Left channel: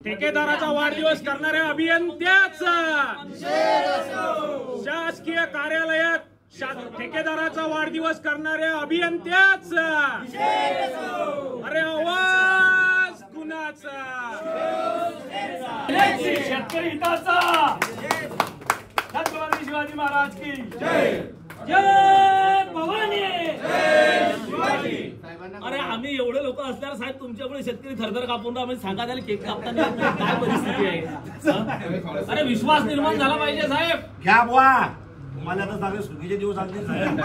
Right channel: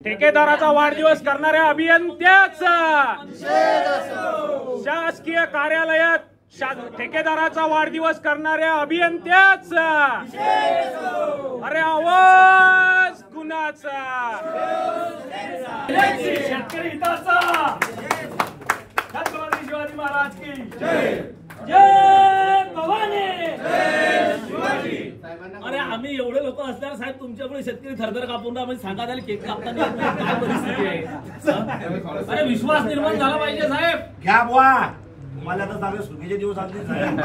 ठेकेदाराचा वाढदिवस करणाऱ्या अभियंत्याचा शासकीय कार्यालयात ठेकेदाराचा वाढदिवस करणाऱ्या अभियंत्याचा अरे आवाज कुणाचा? शेतकरी हिताचा छत्रपती शिवाजी महाराज की जय, जय भवानी, जय शिवाजी। अरे आम्ही एवढे लोक असल्यावर साहेब तुमच्यामुळे शेतकरी थरथर कापून आम्ही सांगा झाले केक कापताना काय परिस्थिती आहे? अरे विश्वास निर्माण झाला पाहिजे साहेब। घ्या बुवा, तुम्हाला तर चांगले सुखीचे दिवस आणतील साहेब।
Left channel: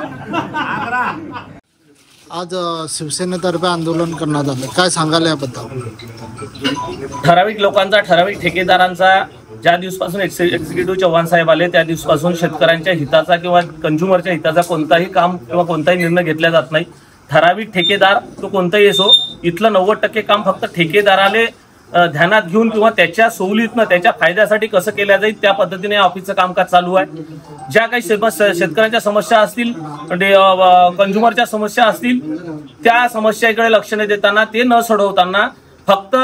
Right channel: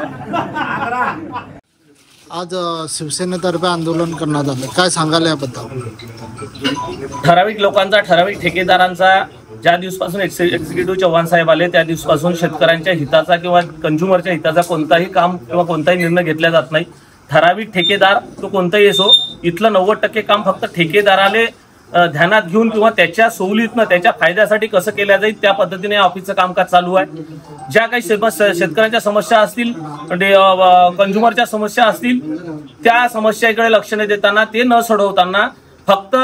आज शिवसेनेतर्फे आंदोलन करण्यात आलं, काय सांगाल याबद्दल? ठराविक लोकांचा, ठराविक ठेकेदारांचा ज्या दिवसापासून एक्झिक्युटिव्ह चव्हाण साहेब आले त्या दिवसापासून शेतकऱ्यांच्या हिताचा किंवा कंझ्युमरच्या हिताचा कोणताही काम किंवा कोणताही निर्णय घेतला जात नाही। ठराविक ठेकेदार तो कोणताही असो, इथलं 90% काम फक्त ठेकेदाराले ध्यानात घेऊन किंवा त्याच्या सवलतीनं त्याच्या फायद्यासाठी कसं केलं जाईल त्या पद्धतीने ऑफिसचं कामकाज चालू आहे। ज्या काही शेतकऱ्यांच्या समस्या असतील, कंझ्युमरच्या समस्या असतील, त्या समस्याकडे लक्ष न देताना, ते न सोडवताना फक्त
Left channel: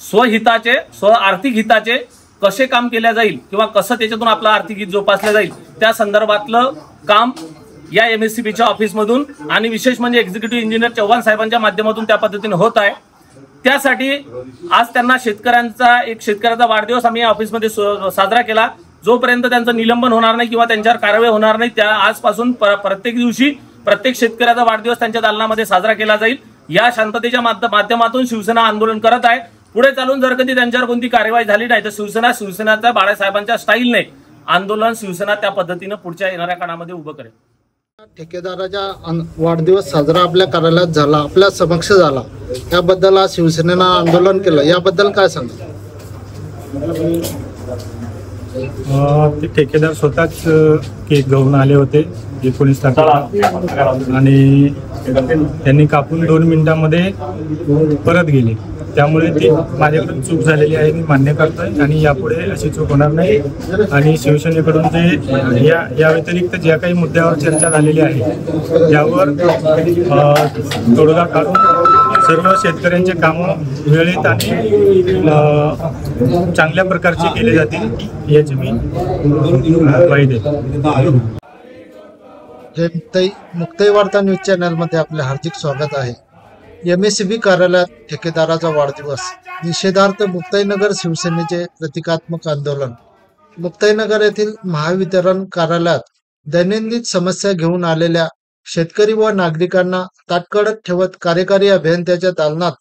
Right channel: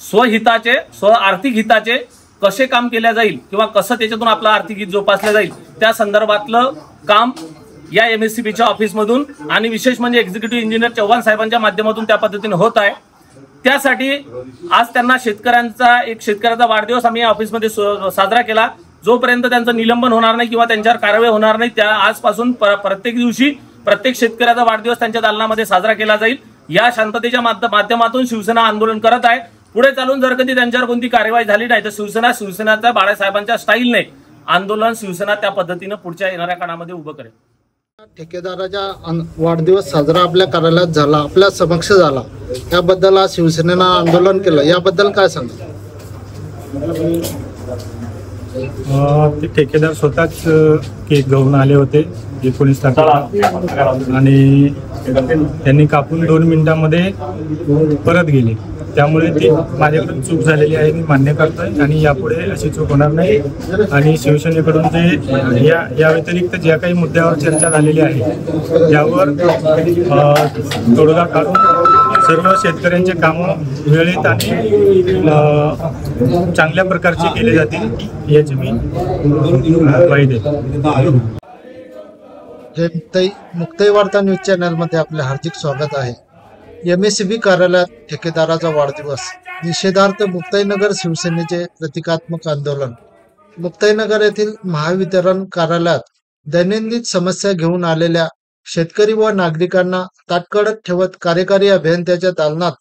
स्वहिताचे, आर्थिक हिताचे कसे काम केले जाईल किंवा कसं त्याच्यातून आपलं आर्थिक हित जोपासलं जाईल त्या संदर्भातलं काम या MSCBच्या ऑफिसमधून आणि विशेष म्हणजे एक्झिक्युटिव्ह इंजिनियर चव्हाण साहेबांच्या माध्यमातून त्या पद्धतीने होत आहे। त्यासाठी आज त्यांना शेतकऱ्याचा वाढदिवस आम्ही या ऑफिसमध्ये साजरा केला। जोपर्यंत त्यांचं निलंबन होणार नाही किंवा त्यांच्यावर कारवाई होणार नाही त्या आजपासून प्रत्येक दिवशी प्रत्येक शेतकऱ्याचा वाढदिवस त्यांच्या दालनामध्ये साजरा केला जाईल। या शांततेच्या माध्यमातून शिवसेना आंदोलन करत आहे। पुढे चालून जर कधी त्यांच्यावर कोणती कारवाई झाली नाही तर शिवसेनाच्या बाळासाहेबांच्या स्टाईलने आंदोलन शिवसेना त्या पद्धतीने पुढच्या येणाऱ्या काळामध्ये उभं करेल। ठेकेदाराचा वाढदिवस साजरा आपल्या कार्यालयात झाला, आपल्या समक्ष झाला, याबद्दल आज शिवसेनेनं आंदोलन केलं, याबद्दल काय सांगा? ते ठेकेदार स्वतःच केक घेऊन आले होते 19 तारखेला आणि त्यांनी कापून 2 मिनिटांमध्ये परत गेले। त्यामुळे ती माझ्याकडून चूक झालेली आहे, मी मान्य करतोय आणि यापुढे अशी चूक होणार नाही। आणि शिवसेनेकडून जे या व्यतिरिक्त ज्या काही मुद्द्यावर चर्चा झालेली आहे त्यावर तोडगा काढून सर्व शेतकऱ्यांचे कामं वेळेत आणि चांगल्या प्रकारचे केले जातील याची मी ग्वाही देतो। मुक्ताई वार्ता न्यूज चॅनलमध्ये आपले हार्दिक स्वागत आहे। MSCB कार्यालयात ठेकेदाराचा वाढदिवस निषेधार्थ मुक्ताईनगर शिवसेनेचे प्रतिकात्मक आंदोलन। मुक्ताईनगर येथील महावितरण कार्यालयात दैनंदिन समस्या घेऊन आलेल्या शेतकरी व नागरिकांना ताटकळत ठेवत कार्यकारी अभियंत्याच्या दालनात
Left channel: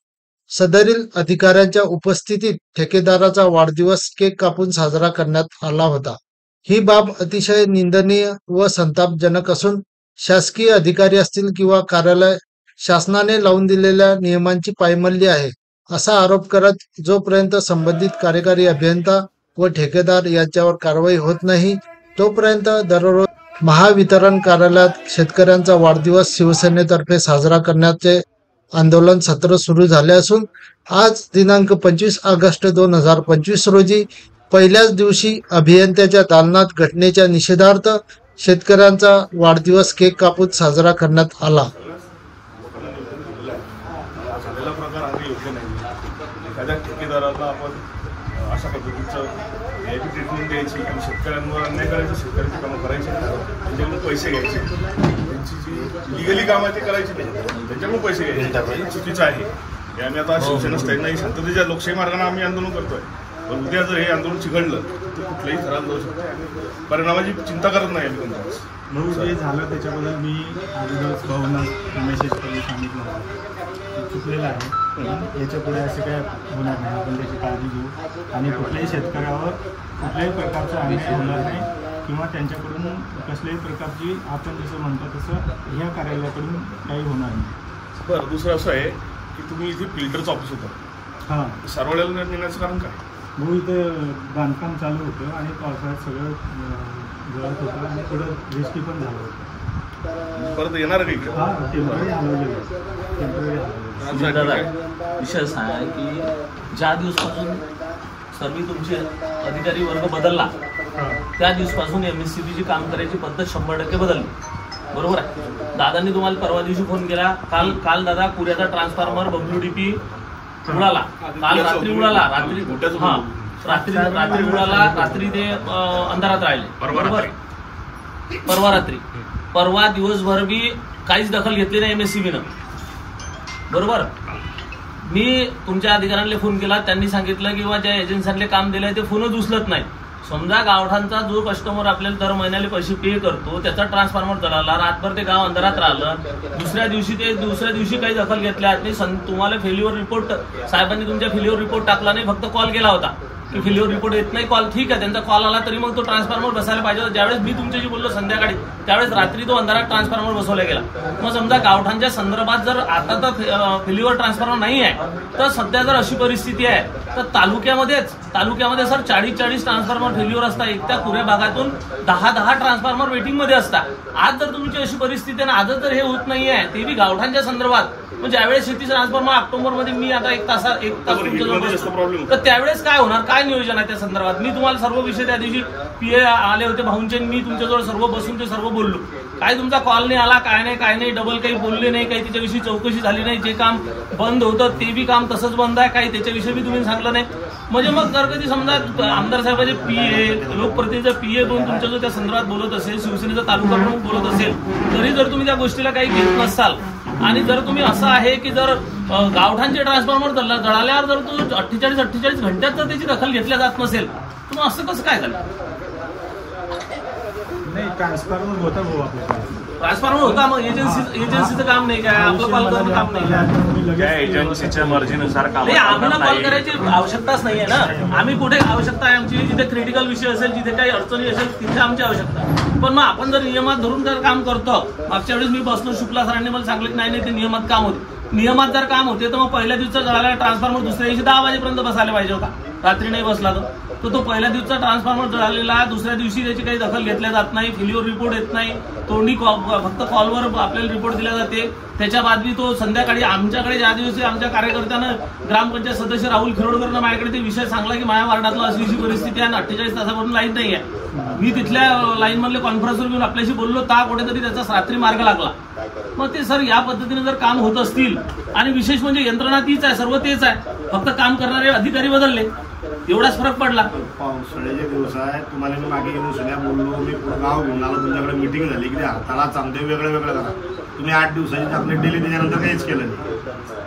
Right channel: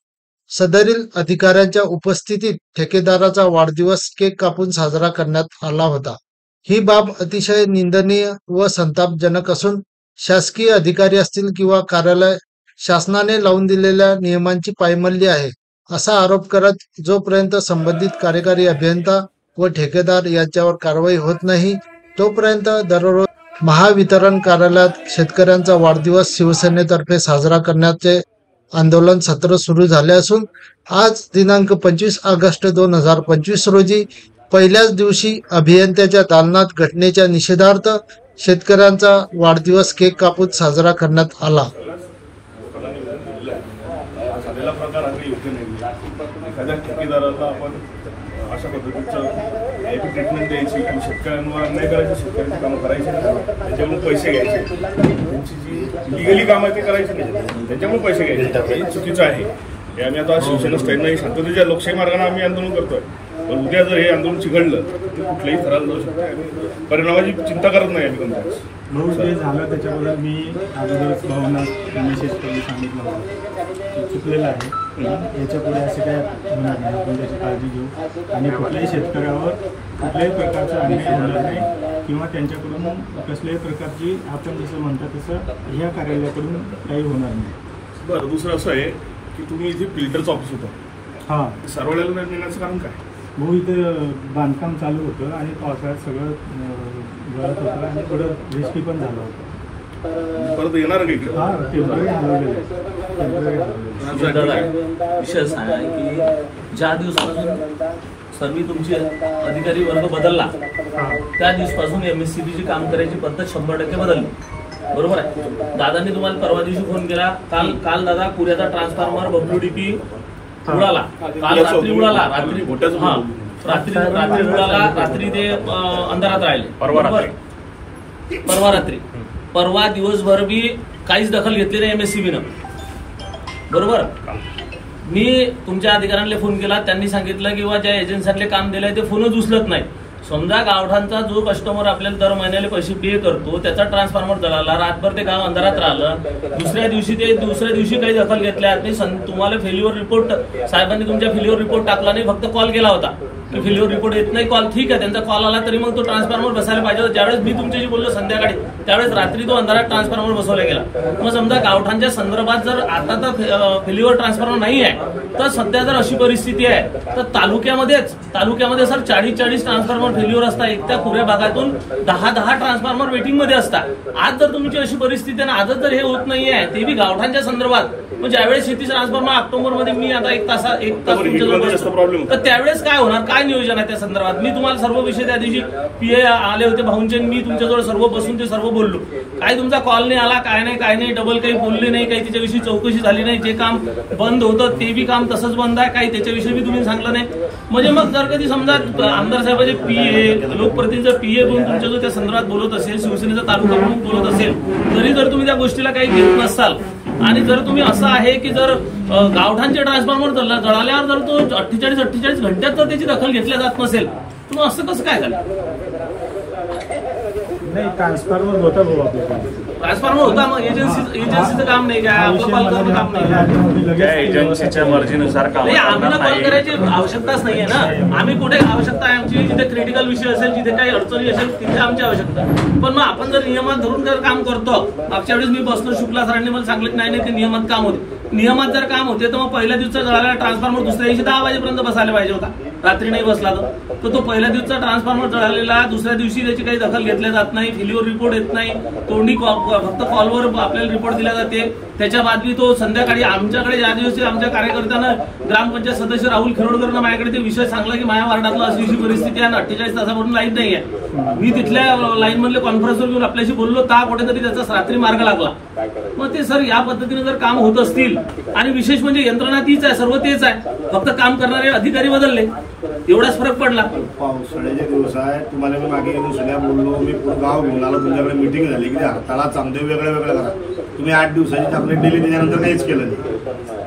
सदरील अधिकाऱ्यांच्या उपस्थितीत ठेकेदाराचा वाढदिवस केक कापून साजरा करण्यात आला होता। ही बाब अतिशय निंदनीय व संतापजनक असून शासकीय अधिकारी असतील किंवा कार्यालय शासनाने लावून दिलेल्या नियमांची पायमल्ली आहे असा आरोप करत जोपर्यंत संबंधित कार्यकारी अभियंता व ठेकेदार यांच्यावर कारवाई होत नाही तोपर्यंत दररोज महावितरण कार्यालयात शेतकऱ्यांचा वाढदिवस शिवसेनेतर्फे साजरा करण्याचे आंदोलन सत्र सुरू झाले असून आज दिनांक 25 ऑगस्ट 2025 रोजी पहिल्याच दिवशी अभियंत्याच्या दालनात घटनेच्या निषेधार्थ शेतकऱ्यांचा वाढदिवस केक कापून साजरा करण्यात आला। ठेकेदाराला आपण अशा पद्धतीचं ट्रीटमेंट द्यायची आणि शेतकऱ्यांवर अन्याय करायचं, शेतकऱ्यांची कामं करायची, त्याच्यामुळे पैसे घ्यायचे, त्यांची जी लिगली कामं ते करायची नाही, त्याच्यामुळे पैसे घ्यायचे, हे चुकीचं आहे। हे आम्ही आता शिवसेना स्टँडनं शांततेच्या लोकशाही मार्गाने आम्ही आंदोलन करतोय। पण उद्या जर हे आंदोलन चिघळलं तर कुठल्याही थराला जाऊ शकतो आणि परिणामाची चिंता करत नाही आम्ही कोणत्याच। म्हणून ते झालं त्याच्याबद्दल मी अगोदरच भावना मेसेज करून सांगितलं होतं चुकलेलं आहे, याच्यापुढे असे काय होणार नाही, आपण त्याची काळजी घेऊ आणि कुठल्याही शेतकऱ्यावर कुठल्याही प्रकारचा अन्याय होणार नाही किंवा त्यांच्याकडून कसल्याही प्रकारची आपण जसं म्हणतो तसं ह्या कार्यालयाकडून काही होणार नाही। बरं, दुसरं असं आहे की तुम्ही इथे फिल्टरचं ऑफिस होतं, हां, सारवड्याला नेण्याचं कारण काय? हो, इथं बांधकाम चालू होतं आणि पावसाळ्यात सगळं गळत होतं आणि थोडं रिस्की पण झालं होतं। परत येणार का इकडे? हां, टेम्पररी हलवलेलं विषय असा आहे की ज्या दिवसापासून सर्व तुमचे अधिकारी वर्ग बदलला त्या दिवसापासून MSCBची काम करायची पद्धत 100% बदलली, बरोबर आहे? दादांनी तुम्हाला परवा दिवशी फोन केला, काल दादा पुऱ्याचा ट्रान्सफॉर्मर WDP उडाला, काल रात्री उडाला, रात्री उडाला, रात्री ते अंधारात राहिले, परवा रात्री, परवा दिवसभर बी काहीच दखल घेतली नाही MSCBनं, बरोबर. मी तुमच्या अधिकाऱ्यांना फोन केला, त्यांनी सांगितलं की ज्या एजन्सीतले काम दिलंय ते फोनच उचलत नाही. समजा गावठाणचा जो कस्टमर आपल्याला दर महिन्याला पैसे पे करतो त्याचा ट्रान्सफॉर्मर जळाला, रातभर ते गाव अंधारात राहिलं, दुसऱ्या दिवशी काही दखल घेतल्या नाही. तुम्हाला फेल्युअर रिपोर्ट साहेबांनी तुमच्या फेल्युअर रिपोर्ट टाकला नाही, फक्त कॉल केला होता की फेल्युअर रिपोर्ट येत नाही. कॉल ठीक आहे, त्यांचा कॉल आला तरी मग तो ट्रान्सफॉर्मर बसायला पाहिजे होता. ज्यावेळेस मी तुमच्याशी बोललो संध्याकाळी त्यावेळेस रात्री तो अंधारात ट्रान्सफॉर्मर बसवला गेला. मग समजा गावठाणच्या संदर्भात जर आता तर फेल्युअर ट्रान्सफॉर्मर नाही आहे, तर सध्या जर अशी परिस्थिती आहे तर तालुक्यामध्ये सर 40 ट्रान्सफॉर्मर फेल्युअर असतात. एक त्या पुऱ्या भागातून 10 ट्रान्सफॉर्मर वेटिंग मध्ये असतात. आज जर तुमची अशी परिस्थिती आहे ना, आजच जर हे होत नाहीये ते बी गावठाणच्या संदर्भात, म्हणजे ज्यावेळेस शेतीचं ट्रान्सफॉर्मर ऑक्टोबरमध्ये मी आता एक तास तर त्यावेळेस काय होणार, काय नियोजन आहे त्या संदर्भात. मी तुम्हाला सर्व विषय त्या दिवशी PA आले होते भाऊंचे, मी तुमच्याजवळ सर्व बसून ते सर्व बोललो. काय तुमचा कॉल नाही आला, काय नाही, डबल काही बोलले नाही, काही त्याच्याविषयी चौकशी झाली नाही. जे काम बंद होतं ते बी काम तसंच बंद आहे, काही त्याच्याविषयी बी तुम्ही सांगलं नाही. म्हणजे मग जर कधी समजा आमदार साहेबांचे PA, लोकप्रतिनिधीचा PA पण तुमच्या जो त्या संदर्भात बोलत असेल, शिवसेनेचा तालुका म्हणून बोलत असेल, तरी जर तुम्ही त्या गोष्टीला काही घेत नसाल आणि जर तुम्ही असं आहे की जर गावठाणचे ट्रान्सफॉर्मर जळाल्यावर जर तो 48 घंट्यात जर त्याची दखल घेतल्या जात नसेल तर मग असं कसं काय झालं. ट्रान्सफॉर्मर होता भाऊ आपल्याकडे, ट्रान्सफॉर्मर होता, मग एजन्सीचं काम नाही काय, एजन्सीच्या मर्जीनुसार काम. आम्हाला कॉल करायची आवश्यकताच नाहीये ना. आम्ही कुठे आवश्यकता आहे आमची, जिथे क्रिटिकल विषय असेल, जिथे काही अडचणी असेल तिथे आमची आवश्यकता. पण मग आपण जर नियमात धरून जर काम करतो, मागच्या वेळेस मी बसलो, शुक्ला सरांनी मला सांगितलं नाही ते नियमात काम होते. नियमात जर काम होते तर मग पहिल्या दिवसाचा जळालेला ट्रान्सफॉर्मर दुसऱ्या दिवशी 10 वाजेपर्यंत बसायला पाहिजे होता, रात्री नाही बसला तर तो पहिल्या दिवसाचा ट्रान्सफॉर्मर जळालेला, दुसऱ्या दिवशी त्याची काही दखल घेतल्या जात नाही, फेल्युअर रिपोर्ट येत नाही, तोंडी फक्त कॉलवर आपल्याला रिपोर्ट दिला जाते. त्याच्या बादली तो संध्याकाळी आमच्याकडे ज्या दिवशी आमच्या कार्यकर्त्यानं ग्रामपंचायत सदस्य राहुल खिरोडकरनं माझ्याकडे ते विषय सांगला की माझ्या वार्डातला अशी परिस्थिती आहे, 48 तासापासून लाईन नाही आहे. मी तिथल्या लाईन मधले कॉन्फरन्सवर घेऊन आपल्याशी बोललो, कुठेतरी त्याचा रात्री मार्ग लागला. मग ते सर या पद्धतीने जर काम होत असतील, आणि विशेष म्हणजे यंत्रणा तीच आहे, सर्व तेच आहे, फक्त काम करणारे अधिकारी बदलले, एवढाच फरक पडला. पावसाळ्याचे दिवस आहे, तुम्हाला मी मागे येऊन सगळ्या बोललो, मी पूर्ण गाव घेऊन आलो, तुमच्याकडे मिटिंग झाली की हाताला चांगले वेगळं करा. तुम्ही 8 दिवसाची चांगले दिली, त्याच्यानंतर काहीच केलं नाही.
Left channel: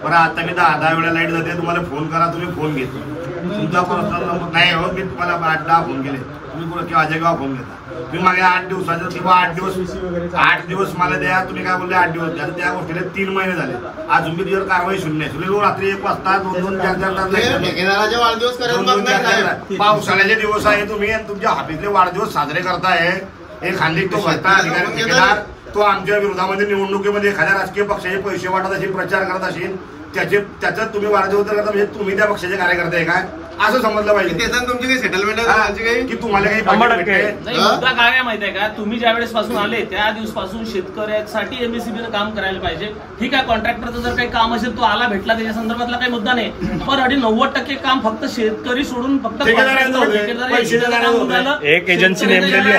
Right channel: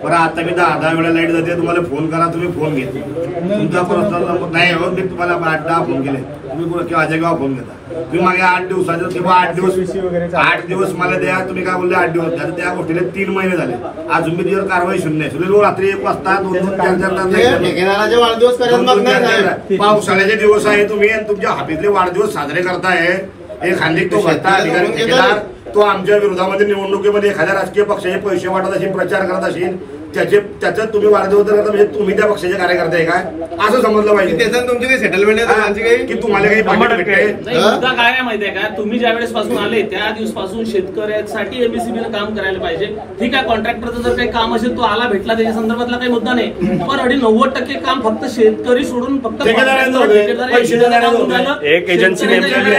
बरं आता मी 10 वेळा लाईट जाते, तुम्हाला फोन करा, तुम्ही फोन घेते, तुमचा पर्सनल नंबर नाही हो, मी तुम्हाला 8-10 फोन केले, तुम्ही किंवा अजय गाव फोन घेता. तुम्ही मागे 8 दिवसाचं किंवा 8 दिवस मला द्या, तुम्ही काय बोलले 8 दिवस द्या, त्या गोष्टीला 3 महिने झाले, अजून मी दिवस कारवाई शून्य. रात्री 1 वाजता 2-4 ठेकेदाराचे वाढदिवस पावसाळ्याचे दिवस आहे, तुम्ही तुमच्या हाफीतले वाढदिवस साजरे करताय. एक खांदी तो भत्ता अधिकारी तो आमच्या विरोधामध्ये निवडणुकीमध्ये एखाद्या राजकीय पक्षाचे पैसे वाटत असेल, प्रचार करत असेल, त्याच्यात तुम्ही वाढदिवस करता, म्हणजे तुम्ही त्या पक्षाचे कार्यकर्ते आहे काय असं समजलं पाहिजे. त्याच्यात तुमची काही सेटलमेंट आहे की तुम्हाला काही मुद्दा काय आहे माहितीये का, तुम्ही ज्या वेळेस पासून आले त्या दिवसपासून शेतकऱ्यांसाठी MSCBनं काम करायला पाहिजे. ठीक आहे, कॉन्ट्रॅक्टरचं जर काही काम असेल तो आला भेटला, त्याच्या संदर्भातला काही मुद्दा नाही, पण 90% काम फक्त शेतकरी सोडून फक्त एक एजन्सी नेमलेली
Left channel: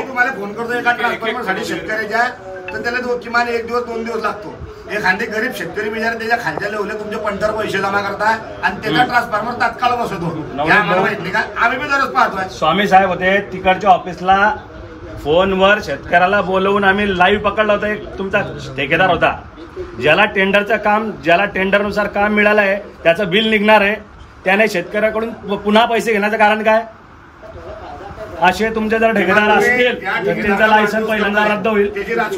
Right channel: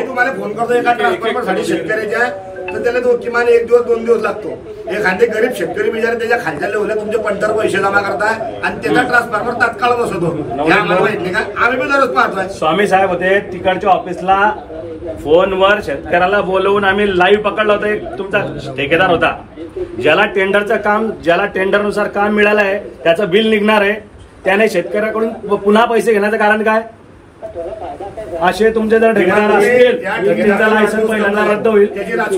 तुम्हाला फोन करतो एका ट्रान्सफॉर्मरसाठी शेतकऱ्याच्या, तर त्याला किमान 1 दिवस 2 दिवस लागतो. एखादे गरीब शेतकरी बिचारे त्याच्या खालच्या लेवलला तुमचे 50 पैसे जमा करताय आणि त्याचा ट्रान्सफॉर्मर तात्काळ बसवतो. आम्हाला माहित नाही का, आम्ही पण दररोज पाहतोय. स्वामी साहेब होते तिकडच्या ऑफिसला, फोनवर शेतकऱ्याला बोलवून आम्ही लाईव्ह पकडलं होतं. एक तुमचा ठेकेदार होता, ज्याला टेंडरचं काम, ज्याला टेंडरनुसार काम मिळालं आहे त्याचं बिल निघणार आहे, त्याने शेतकऱ्याकडून पुन्हा पैसे घेण्याचं कारण काय. असे तुमचे जर ठेकेदार असतील त्यांचा लायसन्स पहिल्यांदा रद्द होईल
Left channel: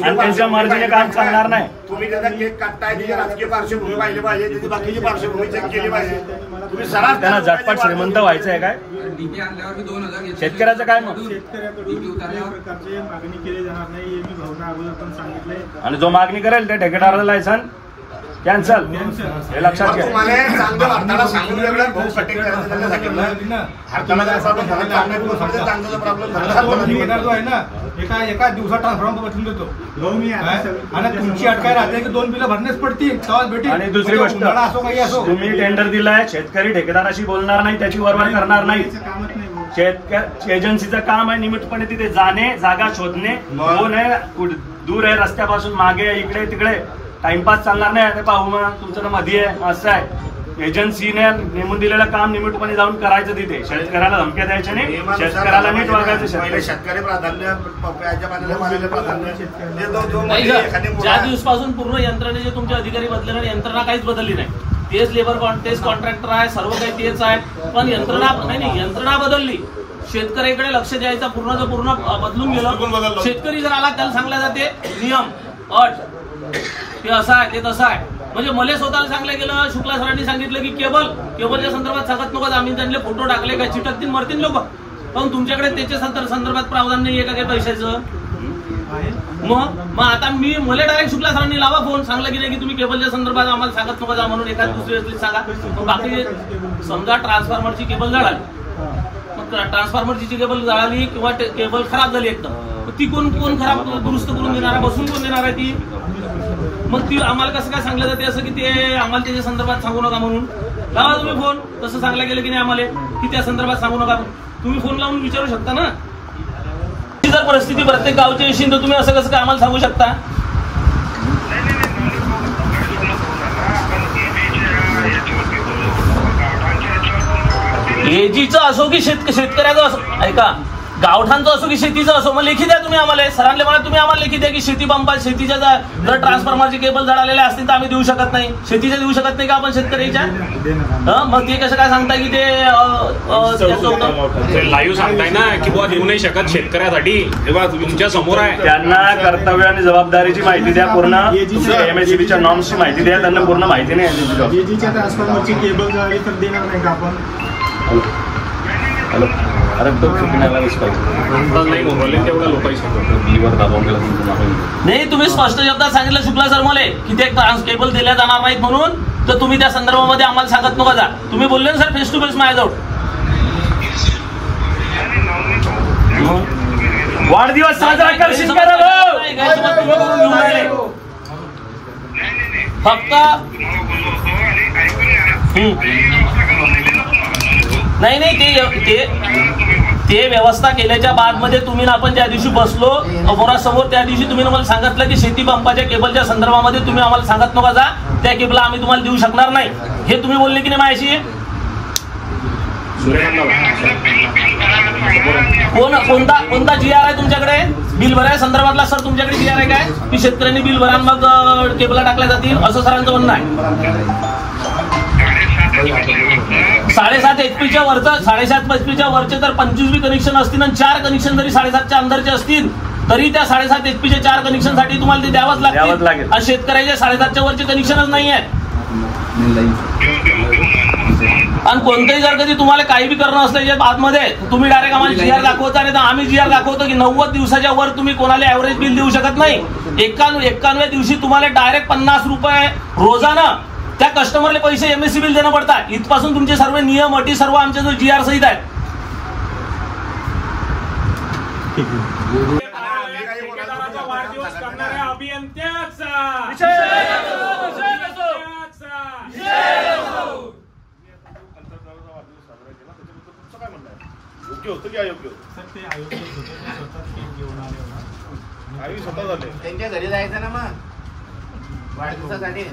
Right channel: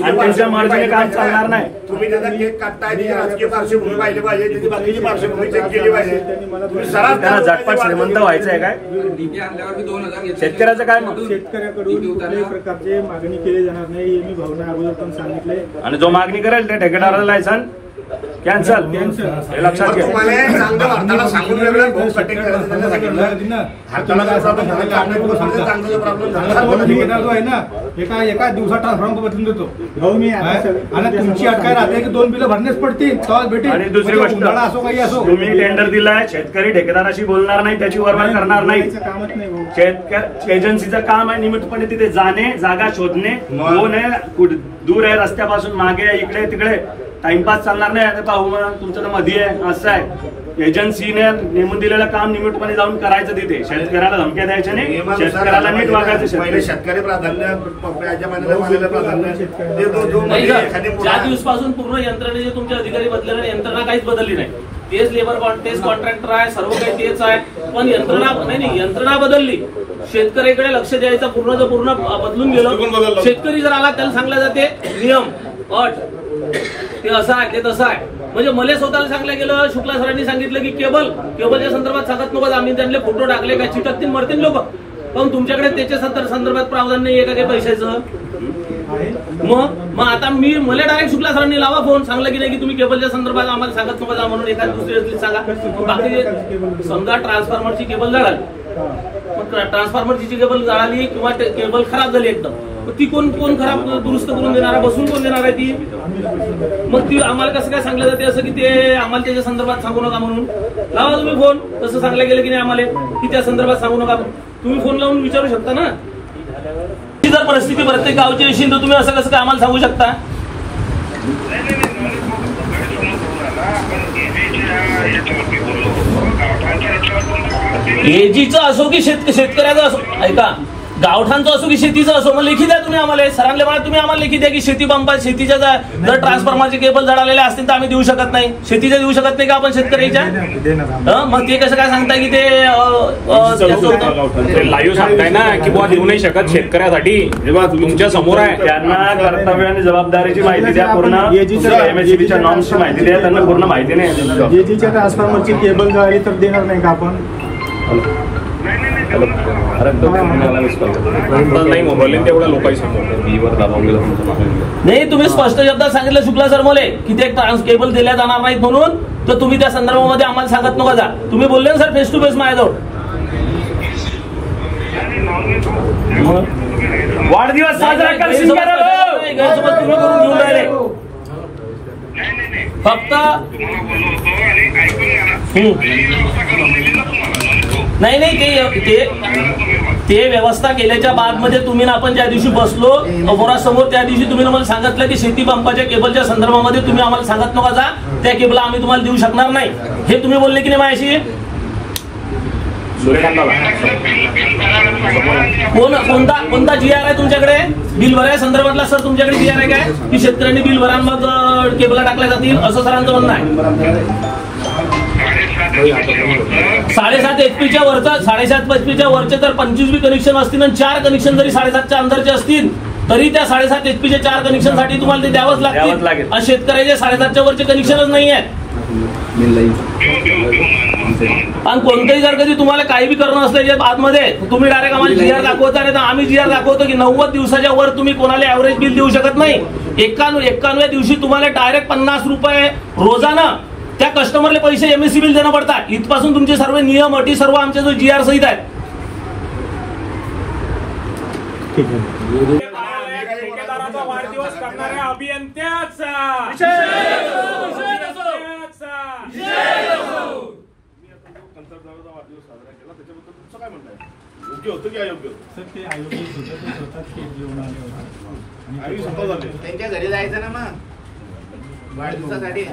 आणि त्यांच्या मार्जिने काम चालणार नाही. तुम्ही त्याचा केक काढताय, त्याची राजकीय पार्श्वभूमी पाहिली पाहिजे, त्याची बाकीची पार्श्वभूमी चेक केली पाहिजे. तुम्ही सरळ त्यांना झटपट श्रीमंत व्हायचं आहे काय, शेतकऱ्याचं काय मग. शेतकऱ्याकडून कुठल्याही प्रकारचे मागणी केली जाणार नाही, मी भावना अगोदर पण सांगितलंय. आणि जो मागणी करेल त्या ठेकेदाराचं लायसन्स कॅन्सल, हे लक्षात घ्या. एका दिवसात ट्रान्सफॉर्मर बदलून देतो भाऊ मी, आणि तुमची अटकाय राहते की 2 बिलं भरणेच पडतील, तेव्हा भेटेल. आणि दुसरी गोष्ट, असो काही असो, तुम्ही टेंडर दिलाय, शेतकरी ठेकेदाराशी बोलणार नाही, त्याची वरवाढ करणार नाही. कामच नाही, शेतकरी एजन्सीचं काम आहे नियमितपणे तिथे जाणे, जागा शोधणे, कोण आहे दूर आहे रस्त्यापासून, मागे इकडे तिकडे टाइमपास चालणार नाही. पाहू मग तुमचं मध्ये आहे असं आहे, एजन्सीने नेमून दिलेलं काम नियमितपणे जाऊन करायचं तिथे. शेतकऱ्याला धमक्या द्यायच्या नाही, शेतकऱ्याला नीट वागायचं. पहिले शेतकरी प्राधान्य, पप्प्याच्या पाण्याला प्राधान्य. ज्या दिवसपासून पूर्ण यंत्रणेचे तुमचे अधिकारी बदलले, यंत्रणा काहीच बदलली नाही. तेच लेबर, तेच कॉन्ट्रॅक्टर आहे, सर्व काही तेच आहे. पण यंत्रणा बदलली. शेतकऱ्याकडे लक्ष द्यायचं पूर्ण बदलून गेलं. शेतकरी जर आला त्याला सांगलं जाते नियम अट ते असं आहे ते तसं आहे. म्हणजे मला स्वतःला सांगलं गेलं, शुक्ला सरांनी सांगितलं की केबलच्या संदर्भात सांगत नको, आम्ही त्यांना फोटो टाकले काय चिटकतील मरतील लोक. पण तुमच्याकडे त्याच्या संदर्भात प्रावधान नाही आहे का काही पैशाचं? मग आता मला डायरेक्ट शुक्ला सरांनी लावा फोन, सांगलं की नाही की तुम्ही केबलच्या संदर्भात आम्हाला सांगत नको जा म्हणून. एखाद दुसरी सांगा. बाकी समजा ट्रान्सफॉर्मरची केबल जळाली, ट्रान्सफॉर्मरची केबल जळाली किंवा केबल खराब झाली एकदम, ती कोण खराब दुरुस्त करून देणार आहे? बसून कोण देणार आहे ती? मग ती आम्हाला कसं काय सांगलं जाते असं की ते आम्हाला त्याच्या संदर्भात सांगू नका म्हणून? लावा तुम्ही फोन. तसं सांगलं गेलं की नाही आम्हाला की त्या संदर्भात सांगू नका, तुम्ही फोन लावून विचारू शकता ना. जर परिस्थिती प्रत्येक गावची असेल तर तुम्ही असं कसं काय आम्हाला सांगू शकता? एजीचं असो की शेतकऱ्याचं असो, ऐका, गावठाणचं असो की शेतीचं असो, मग लेखी द्या तुम्ही आम्हाला. सरांना म्हणा तुम्ही आम्हाला लेखी द्या की शेती पंपा शेतीच्या जर ट्रान्सफॉर्मरचे केबल जळालेले असतील तर आम्ही देऊ शकत नाही. शेतीच्या देऊ शकत नाही का आपण शेतकऱ्याच्या? मग ते कसं काय सांगताय की ते लाईव्ह सांगताय ना की बुवा देऊ नाही शकत शेतकऱ्यासाठी? तुमच्या समोर आहे. त्यांना कर्तव्य आणि जबाबदारीची माहिती द्या, पूर्ण एमएससीबीच्या नॉर्म्सची माहिती द्या. त्यांना पूर्ण माहिती नाही. एजीच्या ट्रान्सफॉर्मरची केबल जळाली तर देणार नाही का आपण? नाही, तुम्ही स्पष्ट शब्दात सांगितलं शुक्ला सर मला की ते केबल दिल्या जाणार नाहीत म्हणून, तर तुम्ही त्या संदर्भामध्ये आम्हाला सांगत नका जा. तुम्ही बोलले ना सर फेस टू फेस माझ्याजवळ. वाढदिवस साजरा करशील का रे भाऊ? गैरसमज तुम्ही करून घेऊन राहिले. फक्त नाही ते व्यवस्था केल्याच्या बाद मध्ये तुम्ही ना आपण ज्या दिवशी बसलो समोर त्या दिवशी तुम्ही मला सांगितलं की शेती पंपाच्या केबलच्या संदर्भामध्ये तुम्ही आम्हाला सांगत नका जा, त्या केबल आम्ही तुम्हाला देऊ शकणार नाही, हे तुम्ही बोलले की नाही माझ्याशी? कोणता GR आहे तुमच्याकडे बिल भराया संदर्भातला? सर तुमच्याकडे GR आहे काय की शेतकऱ्यांनी बिल भरा मग केबल टाकल्या जातील असं सरांचं म्हणणं आहे? 7.5 HP वरचं 7.5 HP वरचे तर 25 बी कनेक्शन असतील आणि 4 कनेक्शन जरी 7.5च्या अंदरचे असतील तरी त्या 7.5 HP 4 कनेक्शन साठी तुम्हाला ते द्यावंच लागतील. आणि शेतकऱ्याचे 7.5च्या वरचे कनेक्शनच नाही आहेत. आणि कोणतेही जर कधी तुम्हाला काही बी करणं असल्याच्या आतमध्ये तुम्ही डायरेक्ट आम्हाला GR दाखवता, नाही तर आम्ही GR दाखवतो की 90 दिवसाच्या वर तुम्ही कोणाला ऍव्हरेज बिल देऊ शकत नाही. 91 दिवशी तुम्हाला डायरेक्ट 50 रुपये रोजानं त्या कस्टमरला पैसे MSC बिल देणं पडतात. इथपासून तुमचे सर्व नियम अटी सर्व आमचे जो GR सहित आहेत. वाढदिवस करणाऱ्या अभियंत्याचा योग्य होतं की अयोग्य होतं? ते अयोग्य होतं, स्वतः केक घेऊन आले होते. त्यांच्या घरी जायचं ना मग वाढदिवसासाठी.